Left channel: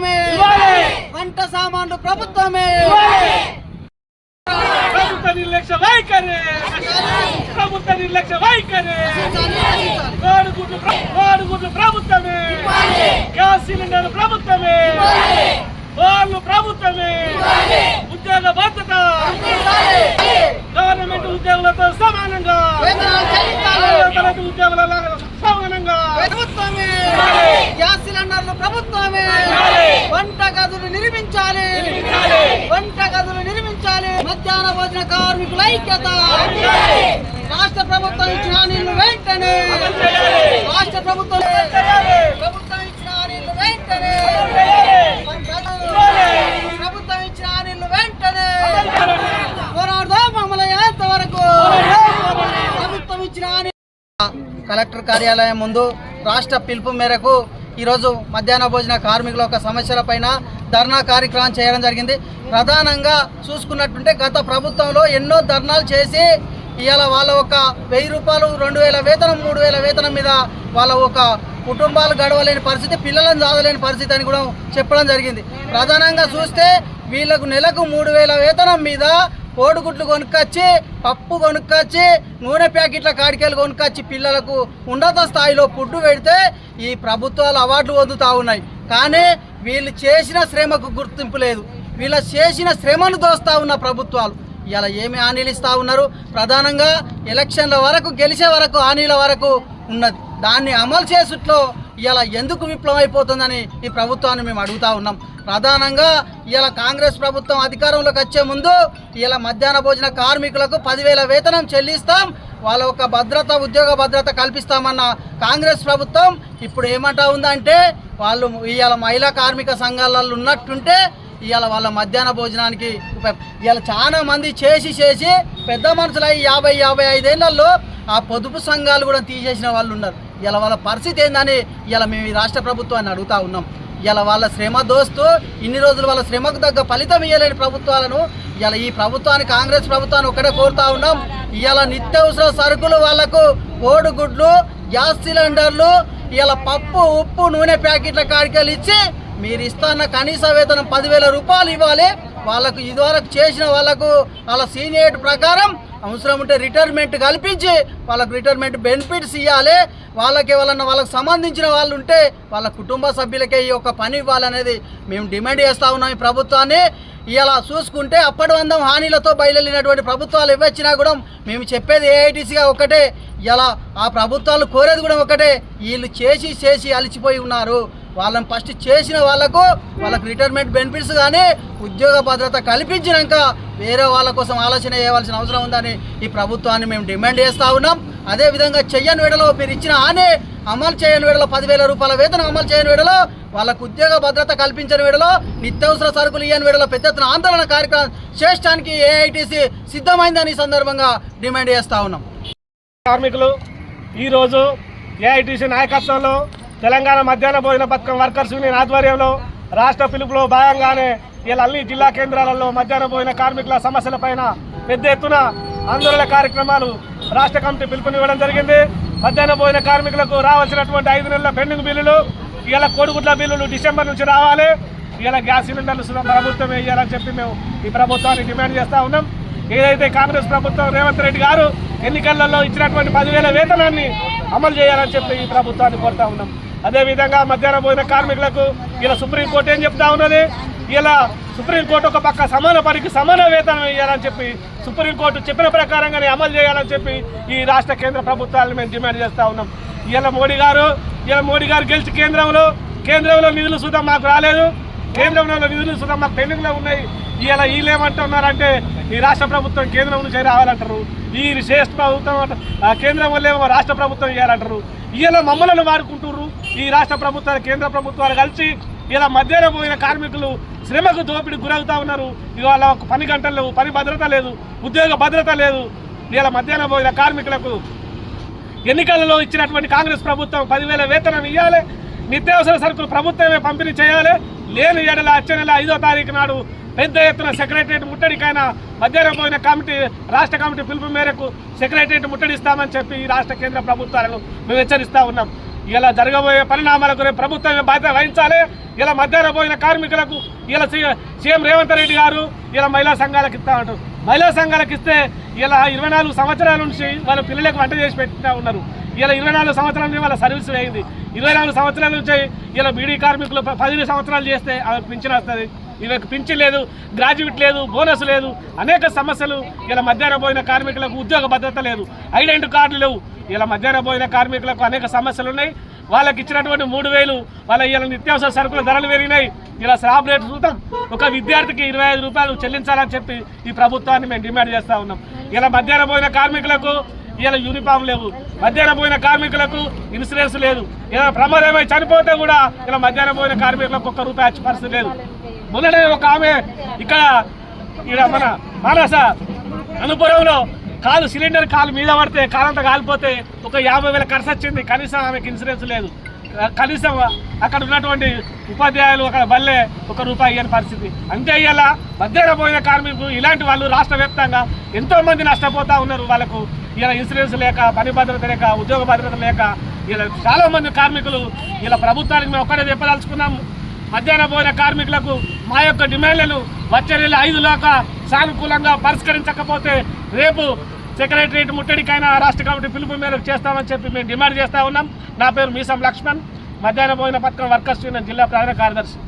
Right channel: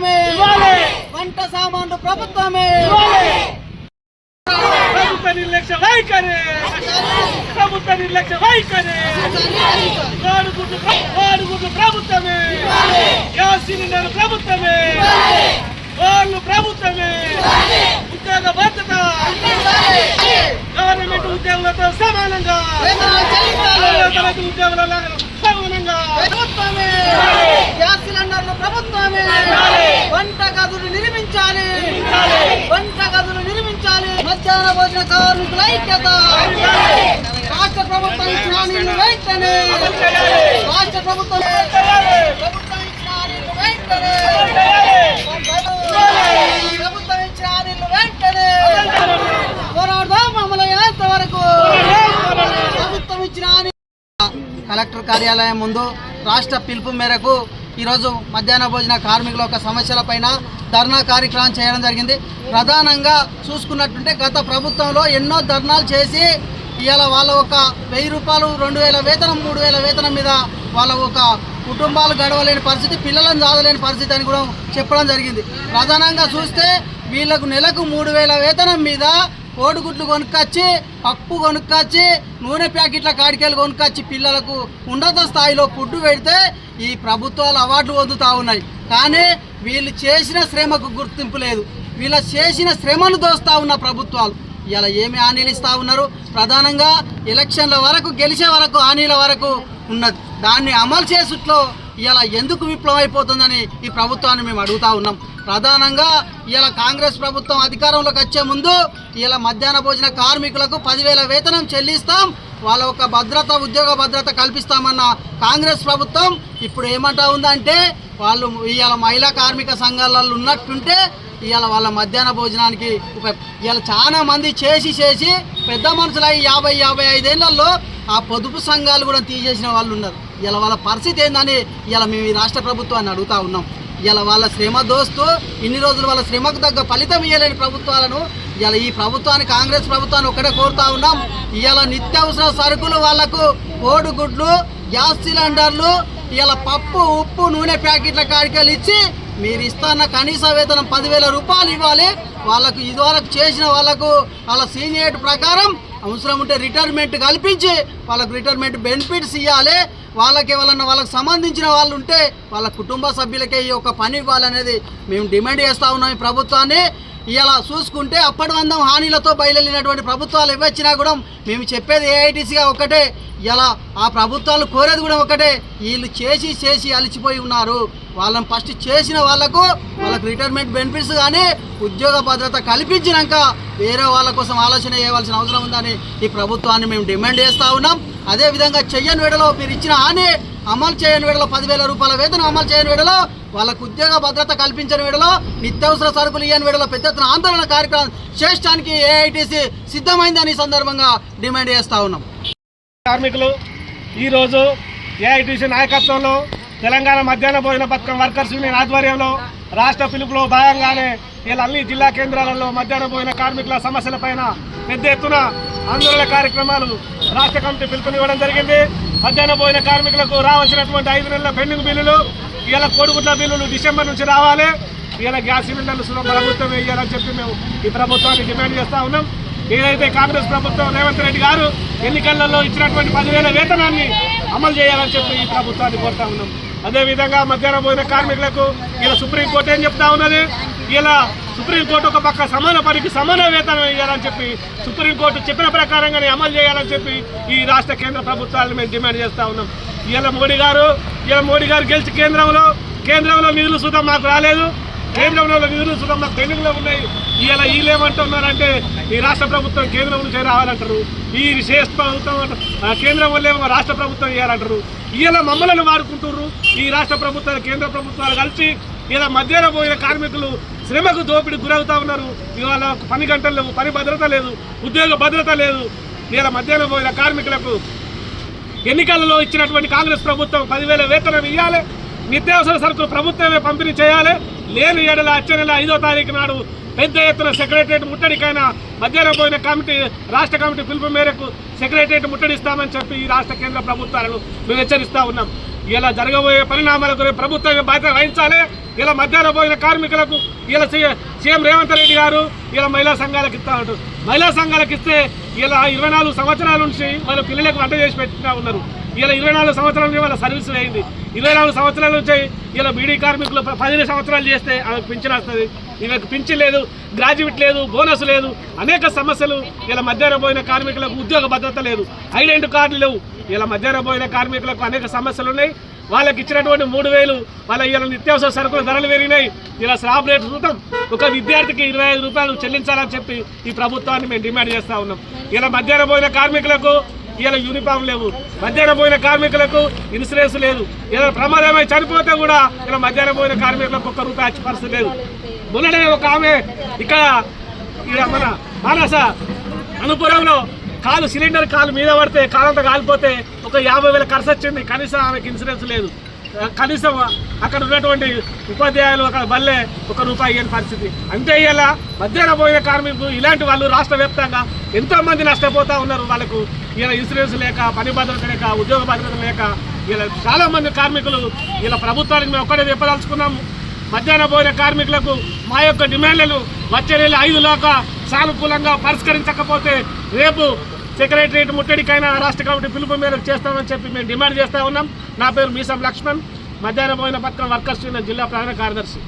ప్రభుత్వమే. వంట సామాన్లు ప్రభుత్వమే. ప్రభుత్వ నిర్లక్ష్య వైఖరి. ప్రభుత్వ నిర్లక్ష్య వైఖరి. వాడుగుడ్లు ప్రభుత్వమే. గ్యాస్ సిలిండర్ ప్రభుత్వమే. వాళ్ళు ప్రభుత్వమే. ఉద్యోగ భద్రత. గవర్నమెంట్ ఉద్యోగులతో సమానంగా. ఉద్యోగుల సమానంగా ప్రభుత్వమే గ్యాస్ సిలిండర్లు ప్రభుత్వమే వంట గదులు నిర్మించాలి. వంట గదులు నిర్మించాలి. మధ్యాహ్న భోజన కార్మికుల ఐక్యత. రాష్ట్ర ప్రభుత్వం ఇచ్చిన హామీలు వెంటనే. రాష్ట్ర ప్రభుత్వం ప్రభుత్వం ఇచ్చిన హామీలు వెంటనే. ప్రభుత్వం ఇచ్చిన హామీలు వెంటనే. పోరాడదాం అమలయ్యేంత వరకు. ప్రభుత్వం ఇచ్చిన హామీ కలెక్టర్ కార్యాలయం ముందు రాష్ట్ర పిలుపు మేరకు ఈరోజు మధ్యాహ్న భోజన కార్మికుల యొక్క సమస్యలపైన ధర్నా కార్యక్రమం చేయడం జరిగింది. ప్రధానంగా చూసుకున్నట్టుంటే గత ప్రభుత్వంలో ఎన్నో ధర్నాలు చేసి ఇవాళ వాళ్ళ ఒక వెయ్యి రూపాయలు రెండు వేల వేతనం మూడు వేల వేతనం మీద వాళ్ళ ఒక కుటుంబాలు గడవలేని పరిస్థితి పిల్లలను చదవలేని పరిస్థితి అని కూడా చెప్పడం జరిగింది. ప్రధానంగా చూస్తే వీళ్ళకు నెలకు మూడు వేల వేతనం మీద కోడిగుడ్లు కొనుక్కొచ్చి పప్పు కొనుక్కొచ్చి నూనె ప్యాకెట్ల కాడికెళ్ళి కొనుక్కొచ్చి పిల్లలకు ఉన్నత స్థాయిలో ఫుడ్ పెడితే ఈ ప్రభుత్వాలు అవార్డులు వదుతూ ఉన్నాయి. కానీ వీళ్ళు చేసిన శ్రమకు గుర్తింపు లేదు. వీళ్ళ చేసిన శ్రమను దోస్తూ ఉన్న ప్రభుత్వాలు. ఇలా ఏమి హామీలు ఇస్తా ఉన్నారు? ప్రధానంగా ఎలక్షన్ల వరకు గెలిచే వరకు హామీల వరకు ఉన్నది. దాన్ని అమలు చేసుట్లో ఇలా ఎందుకు విప్లవం అయిపోతుందని ఈ ప్రభుత్వాన్ని మేము అడుగుతా ఉన్నాం. ప్రధానంగా ఇలా కాంగ్రెస్ ప్రభుత్వం అధికారంలోకి వచ్చే ముందు ఇలా మధ్యాహ్న భోజన కార్మికులకు పదివేల వేతనం చెల్లిస్తాం. వాళ్ళ ఒక భద్రత ఉద్యోగ భద్రత కల్పిస్తామన్న కాంగ్రెస్ ప్రభుత్వం ఇప్పుడు ఏమంటా ఉందంటే వాళ్ళు ఇవాళ మహిళా కార్మిక సంఘాలలో ఉన్నట్టుంటే ఇవాళ వాళ్ళ మధ్యాహ్న భోజనానికి ఇవాళ చాలా మంది చేసి చేసి పెద్ద మనుషులు అయ్యి యాభై యాభై ఐదేళ్ళలో ఆ పొదుపు సంఘాలు కూడా తీసేసిన వాళ్ళు ఉన్నారు ఇలా వాళ్ళ పరిస్థితి ఏందని ఇలా మేము ఈ రాష్ట్ర ప్రభుత్వాన్ని అడుగుతా ఉన్నాం. ఇలా వాళ్ళ శ్రమ దోస్తూ ఇన్ని రోజులు వాళ్ళ శ్రమకు తగ్గ ఫలితం ఇవ్వలేని ప్రభుత్వాలను ఇలా ఈ ప్రభుత్వాన్ని కాంగ్రెస్ ప్రభుత్వాన్ని ఒకటే కోరుతా ఉన్నాం. ఇలా నిత్యావసర సరుకులు వాళ్ళకు కోడిగుడ్లు గ్యాస్ సిలిండర్లు ఇలా పప్పు ఉప్పు నూనె ప్యాకెట్ల కాడికెళ్ళి ఇచ్చి మీరు ఇస్తున్న కనీస వేతనం పదివేల రూపాయలు ఇవ్వాలి. వాళ్ళకు ఇదివరకు చేసిన వాళ్ళకు వాళ్ళ సీనియర్ ప్రకారం అవసరం ఉంటే రిటైర్మెంట్ కల్పించి వాళ్ళకు రిటైర్మెంట్ బెనిఫిట్స్ ఇవ్వాలి వాళ్ళకి ఎవరన్నా వాళ్ళకి సంబంధించిన వాళ్ళు ఉంటే వాళ్ళ కుటుంబ సభ్యులకే ఈ యొక్క పని ఇవ్వాలనేది మేము డిమాండ్ చేస్తూ ఉన్నాం ఈ ప్రభుత్వాన్ని. ఇలా చూసుకుంటే అప్పటి వందం హానిలతో బయలుదేరినటువంటి ప్రభుత్వాలు ఇవ్వచ్చినా కూడా మేము చెప్పేది ఏఐటీసీగా ఒకటే. ఇలా ఆ ప్రభుత్వాలు కోరేది కూడా ఒకటే. వీళ్ళు చేసి చేసి అలిచిపోయి ఉన్నారు. వాళ్ళని ఫస్ట్ చేసిన వాళ్ళకు వాళ్ళకు రిటైర్మెంట్ బెనిఫిట్స్ కానీ ఉద్యోగ భద్రత కల్పించినాక వేరే వాళ్ళ కోసం ఆలోచన చేయవలసిన అవసరం ఉందని ఈ ప్రభుత్వాన్ని మేము డిమాండ్ చేస్తూ ఉన్నాం. అదేవిధంగా చెయ్యని వేడలో మీరు ఇచ్చిన హామీ అమలు చేయని వేడలో పదివేల రూపాయల వేతనం అమలు చేయని వేడలో వాళ్ళకు ఉద్యోగ భద్రత కల్పించని వేడలో నిత్యావసర సరుకులు ఇయ్యని వేడలో పెద్ద ఎత్తున ఆందోళన కార్యక్రమం చేయడానికి ఏఐటీసీ సిద్ధమైందని ఈ సందర్భంగా డిమాండ్ చేస్తూ ఉన్నాం. కార్మికులు ఈరోజు ఏఐటీసీ నాయకత్వంలో తెలంగాణ మధ్యాహ్న భోజన పథకం వర్కర్స్ యూనియన్ ఆధ్వర్యంలో రాష్ట్ర పిలుపులో భాగంగానే ఇలా అన్ని జిల్లా కేంద్రాలలో మధ్యాహ్న భోజన కార్మికుల సమస్యలపైన పెద్ద ఎత్తున ఆందోళన కార్యక్రమాలు రాష్ట్ర కమిటీ పిలుపునివ్వడం జరిగింది. మధ్యాహ్న భోజన కార్మికులకు రావాల్సినటువంటి ఐదు నెలల పెండింగ్ బిల్లులు ఇలా కోడిగుడ్ల బిల్లులు డిసెంబర్ నుంచి రావాలి. ఇలా గ్యాస్ సిలిండర్లు ప్రభుత్వం వేయాలని చెప్పి మేము ఈ ప్రభుత్వాన్ని డిమాండ్ చేస్తూ ఉన్నాం. ఏదైతే కాంగ్రెస్ ప్రభుత్వం రేవంత్ రెడ్డి గారు ఎన్నికలలో ఇచ్చినటువంటి పదివేల వేతనాన్ని అమలు చేయాలని చెప్పి ఈ ప్రభుత్వాన్ని కోరుతా ఉన్నాం. అదేవిధంగా మధ్యాహ్నం భోజన కార్మికులకు ఇలా సుప్రీంకోర్టు ఏం చెప్తా ఉన్నది? ఇలా సుప్రీంకోర్టు ఒక పక్క సమాన పనికి సమాన వేతనం ఇవ్వాలని చెప్పి సుప్రీంకోర్టు చెప్పిన ప్రకారంగానే అమలు చేయాలని చెప్పి ఈ రాష్ట్ర కేంద్ర ప్రభుత్వాలను మేము డిమాండ్ చేస్తూ ఉన్నాం. ఇలా మోడీ గారు ఇలా మోడీ గారు గెలిచి కేంద్రంలో కేంద్రంలో నిధులు సుతం మాకు రాలేదు. కేంద్రంలో నిధులు సుధా మాకు తెలుగులో ఉన్నాయి. ఇలా వీళ్ళేమంటున్నారంటే ఈ రాష్ట్ర ప్రభుత్వం కేంద్రం నుంచి రావాలంటారు. ఈ విశేష ప్రభుత్వం కేంద్రం వల్లే రాష్ట్ర ప్రభుత్వం ఇవ్వాలంటారు ఇలా మమ్మల్ని వాడుకుంటున్నారు ఈ రాష్ట్ర ప్రభుత్వాలు కేంద్ర ప్రభుత్వాలు కలిసి ఇలా మధ్యాహ్న పోయిన కార్మికులు శ్రమకు దోపిడీ గురవుతా ఉన్నారు. ఇవాళ పని గంటలు పని భద్రత లేదు ఉద్యోగ భద్రత లేదు. ఇలా మధ్యాహ్నం పోయిన కార్మికులకు ఎన్నికలలో ఇచ్చినటువంటి కాంగ్రెస్ ప్రభుత్వం పదివేల వేతనం ఇవ్వాలి నిత్యావసర సరుకులు ప్రభుత్వమే పంపిణీ చేయాలి. లేని ఏడల వచ్చే నెల ఐదో తారీఖు నాడు పెద్ద ఎత్తున సెక్రటరియట్ ముట్టడికైనా మధ్యాహ్నం పోయిన కమిటీ రాష్ట్ర కమిటీ పిలుపు మేరకు సెక్రటరియట్ ముట్టడిస్తామని చెప్పి ఈ రాష్ట్ర కేంద్ర ప్రభుత్వాలను మేము హెచ్చరిస్తా ఉన్నాం. ఇలా జరగబోయే పరిణామాలకు రేపు ప్రభుత్వం బాధ్యత వహించాలి? ఇలా మధ్యాహ్నం పోయిన కార్మికులకు ఇలా సీఎం రేవంత్ రెడ్డి గారు ఇలా మహిళా సంఘాలకు ఇస్తా మహిళా సంఘాలకు ఇస్తే ఇలా ఇరవై నాలుగు సంవత్సరాల నుంచి వాళ్ళ పిల్లలకు వంట చేసి పెట్టినా ఉన్నారు. ఇలా ఇరవై నాలుగు సంవత్సరాల నుంచి వాళ్ళ సర్వీస్ అయింది. ఇరవై నాలుగు సంవత్సరాల నుంచి ఇలా బీడీ కార్మికులు పదిహేను సంవత్సరాలు చేస్తే ఆమెకు పింఛన్ వస్తుంది. వీళ్ళకి పింఛన్ లేదు గ్రాడ్యుయేట్ లేదు బోనస్ లేదు. అనేక సమస్యలు ఇలా మధ్యాహ్న పోయిన కార్మికులకు ఉద్యోగ భద్రత లేదు. ఐడెంటి కార్డులు లేవు. ఇలా మధ్యాహ్న పోయిన కార్మికులకు అనేక సమస్యలు ఉన్నాయి. వాళ్ళకి ఇచ్చినటువంటి మూడు వేలు వాళ్ళ ఇలా నిత్యావసర సరుకుల ధరలు పెరిగినాయి. ఇలా స్లాబ్ రేట్ చూద్దాం. ఒక విద్యార్థికి ఇరవై ఐదు రూపాయలు చెల్లించాలని చెప్పి ఈ ప్రభుత్వాన్ని మేము డిమాండ్ చేస్తా ఉన్నాం. ఇలా మధ్యాహ్నం పోయిన కార్మికులకు ఇలా యూనిఫామ్ లేవు. మధ్యాహ్నం పోయిన కార్మికులకు ఇన్సూరెన్స్ లేదు. ఇలా ప్రమాదమై చనిపోతే కూడా ఇలా మధ్యాహ్నం పోయిన కార్మికులకు ఒక్క రూపాయి పరిస్థితి లేదు. మొన్ననే ఒక ఆమె ఇక్కడ ఇక్కడ మన మానస అనుపురంలో కాలు సిలిండర్ కాలు మీద పడితే కాలంతా కాలిపోతే ఒక యాభై వేల ఖర్చు వచ్చింది. కనీసం ఆమెకి ఇన్సూరెన్స్ లేదు. కనీసం అక్కడ ఉన్నటువంటి ఉపాధ్యాయులు అక్కడ బల్లే ఒక రూపాయి ఇయ్యని పరిస్థితి. అంతే ఇలా మధ్యాహ్నం పోయిన కార్మికులు ఇలాంటి వాళ్ళు రాష్ట్ర వ్యాప్తంగా ఎంతో మంది ఉన్నారు వాళ్ళకు. ఇలా ఇన్సూరెన్స్ లేక పని భద్రత లేక ఉద్యోగ భద్రత లేక ఇలా చాలామంది కార్మికులు ఇలా ప్రభుత్వానికి మేము ఒక్కటే చెప్పదలుచుకున్నాము. మధ్యాహ్న భోజన కార్మికులకు మా యొక్క డిమాండ్లను వచ్చే నెల ఐదు లోక సానుకూలంగా పరిష్కరించకపోతే రేపు సెక్రటరియట్ ముట్టడికైనా రాష్ట్ర కమిటీ పిలుపు మేరకు చేస్తామని చెప్పి మేము డిమాండ్ చేస్తా ఉన్నాం. నా పేరు మీసం లక్ష్మణ్. మధ్యాహ్న భోజన పథకం వర్కర్స్ యూనియన్ జిల్లా ప్రధాన కార్యదర్శి.